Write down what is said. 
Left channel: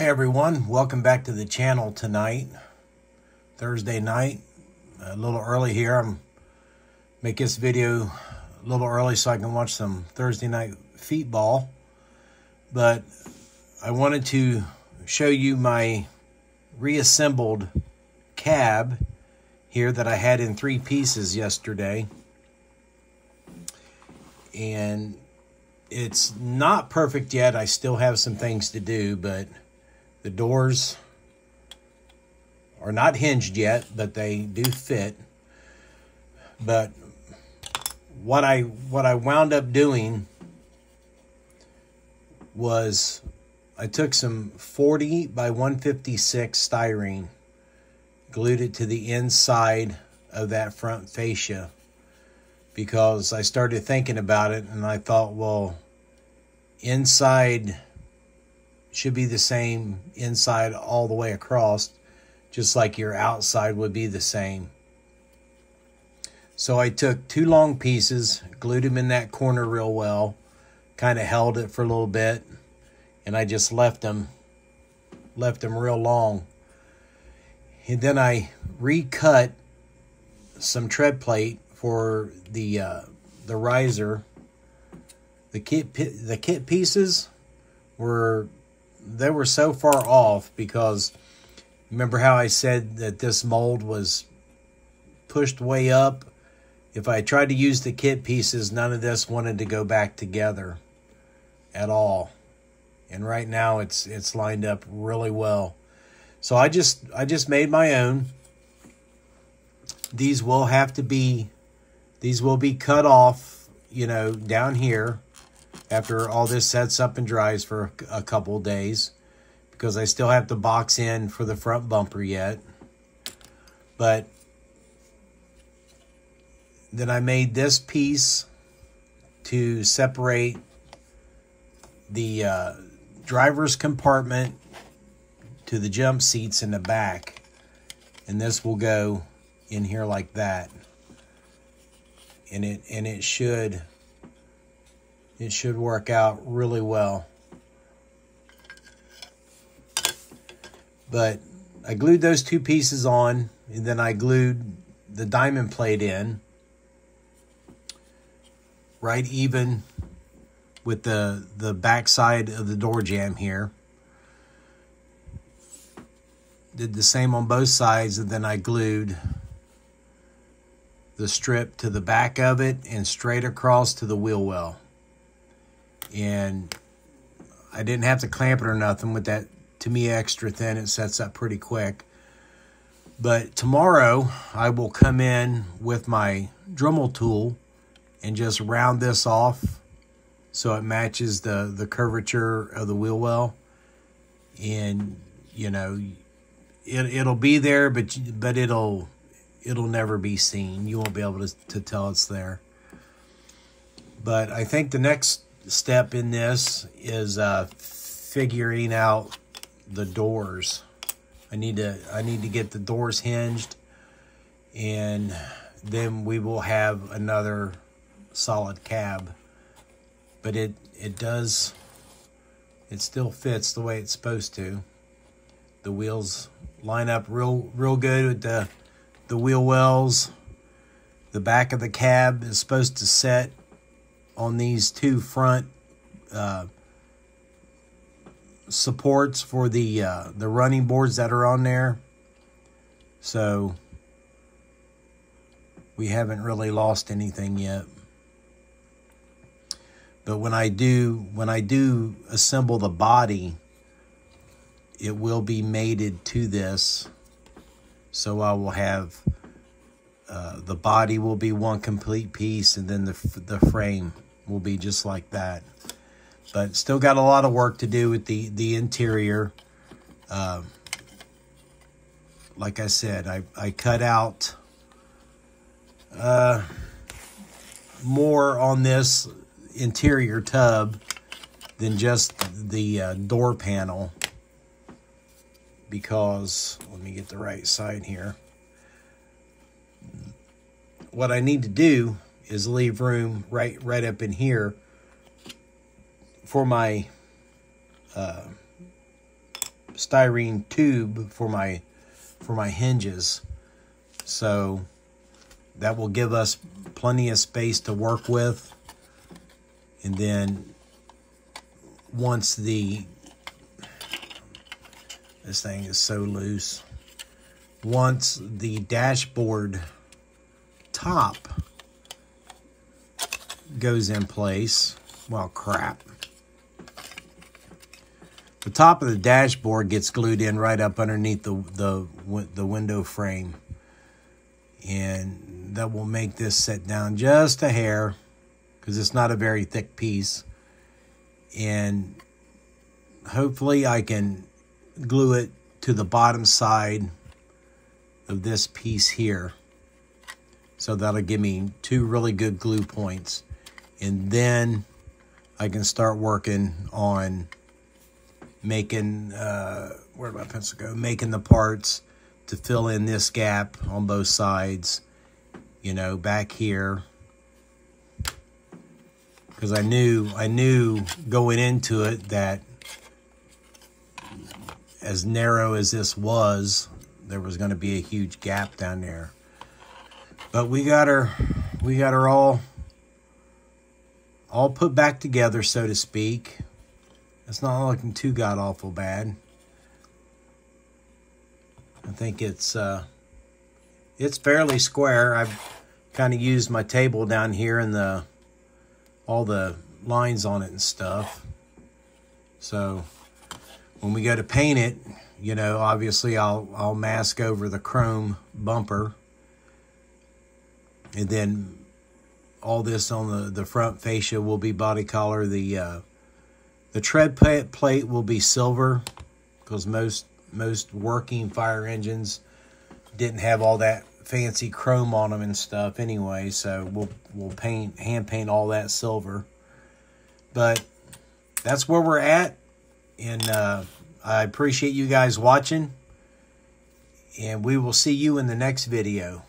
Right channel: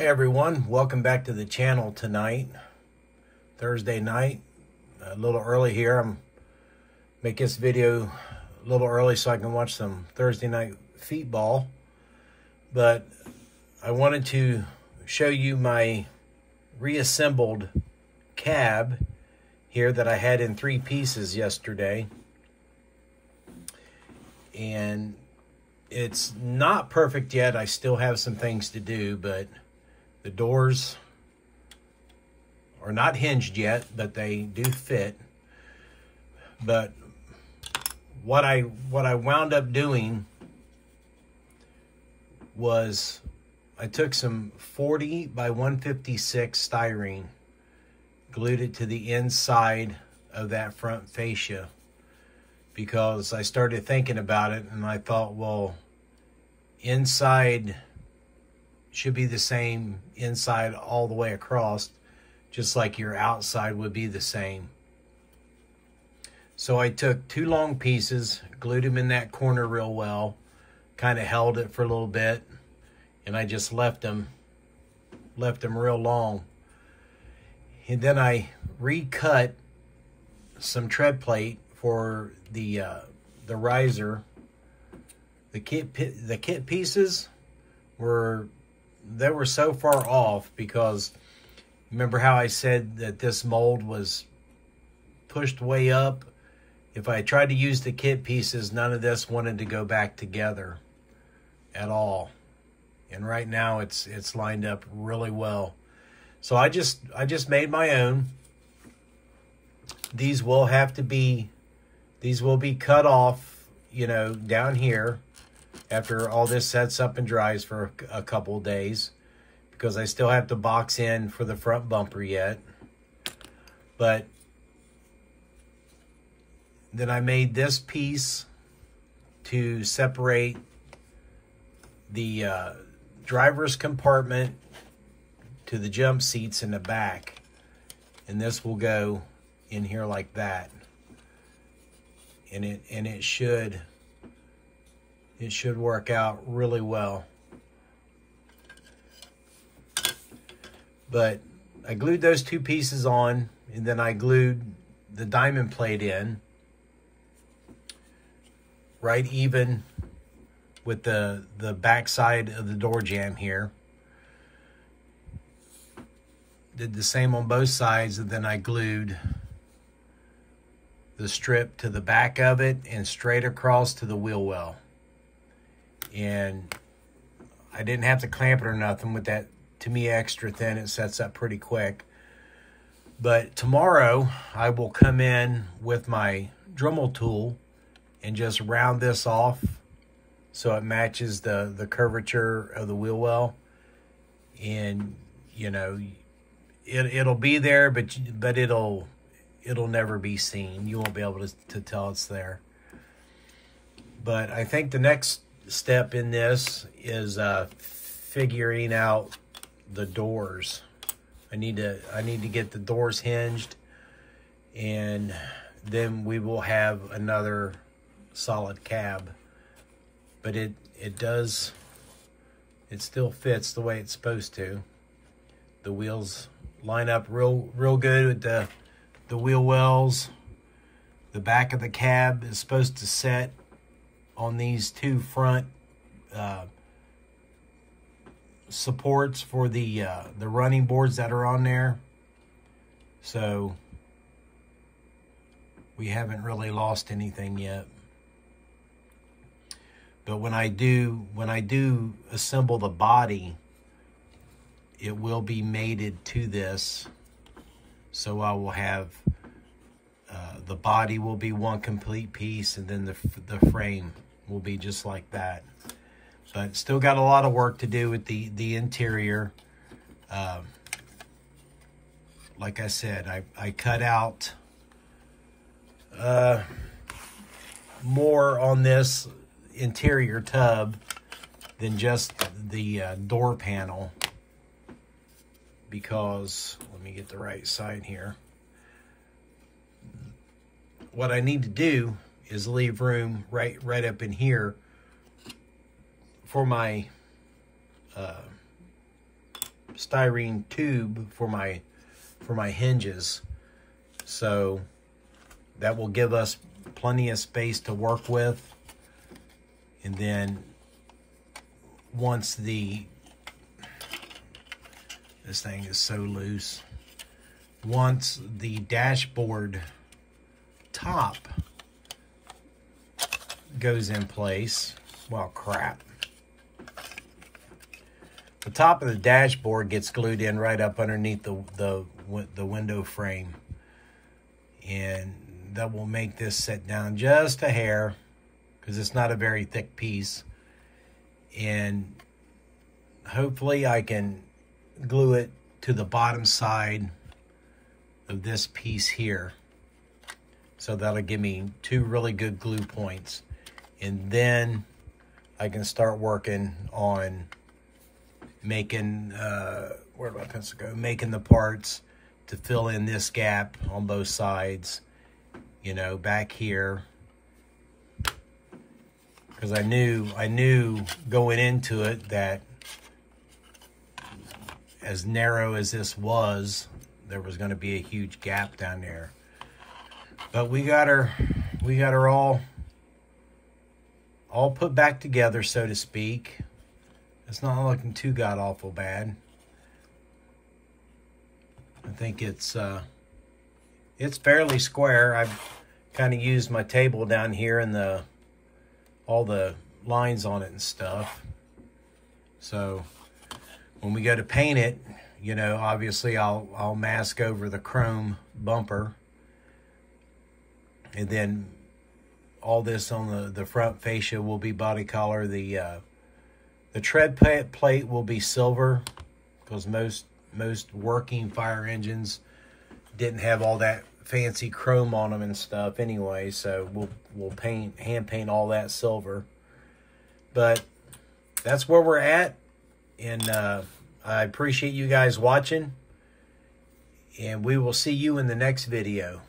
Hi everyone, welcome back to the channel tonight, Thursday night. A little early here. I'm make this video a little early so I can watch some Thursday night feetball. But I wanted to show you my reassembled cab here that I had in 3 pieces yesterday. And it's not perfect yet. I still have some things to do, but the doors are not hinged yet, but they do fit. But what I wound up doing was I took some 40 by 156 styrene, glued it to the inside of that front fascia, because I started thinking about it and I thought, well, inside should be the same inside all the way across, just like your outside would be the same. So I took 2 long pieces, glued them in that corner real well, kind of held it for a little bit, and I just left them real long. And then I recut some tread plate for the riser. The kit pieces were so far off because remember how I said that this mold was pushed way up? If I tried to use the kit pieces, none of this wanted to go back together at all. And right now it's lined up really well. So I just made my own. These will be cut off, you know, down here after all this sets up and dries for a couple of days, because I still have to box in for the front bumper yet. But then I made this piece to separate the driver's compartment to the jump seats in the back, and this will go in here like that, and it should work out really well. But I glued those 2 pieces on, and then I glued the diamond plate in right even with the back side of the door jamb here. Did the same on both sides, and then I glued the strip to the back of it and straight across to the wheel well. And I didn't have to clamp it or nothing with that. To me, extra thin, it sets up pretty quick. But tomorrow I will come in with my Dremel tool and just round this off so it matches the curvature of the wheel well. And you know, it'll be there, but it'll never be seen. You won't be able to tell it's there. But I think the next step in this is figuring out the doors. I need to get the doors hinged, and then we will have another solid cab. But it still fits the way it's supposed to. The wheels line up real good with the wheel wells. The back of the cab is supposed to set on these 2 front supports for the running boards that are on there. So we haven't really lost anything yet. But when I do assemble the body, it will be mated to this. So I will have the body will be one complete piece, and then the frame will be just like that. But still got a lot of work to do with the interior. Like I said, I cut out more on this interior tub than just the door panel, because let me get the right side here. What I need to do is leave room right up in here for my styrene tube for my hinges. So that will give us plenty of space to work with. And then once this thing is so loose, once the dashboard top goes in place, well, crap. The top of the dashboard gets glued in right up underneath the window frame. And that will make this sit down just a hair, because it's not a very thick piece. And hopefully I can glue it to the bottom side of this piece here. So that'll give me 2 really good glue points. And then I can start working on making, where'd my pencil go? Making the parts to fill in this gap on both sides, you know, back here. Because I knew going into it that as narrow as this was, there was going to be a huge gap down there. But we got her all put back together, so to speak. It's not looking too god-awful bad. I think it's fairly square. I've kind of used my table down here and all the lines on it and stuff. So when we go to paint it, you know, obviously I'll mask over the chrome bumper, and then all this on the front fascia will be body color. The tread plate will be silver, because most working fire engines didn't have all that fancy chrome on them and stuff anyway, so we'll hand paint all that silver. But that's where we're at, and I appreciate you guys watching, and we will see you in the next video.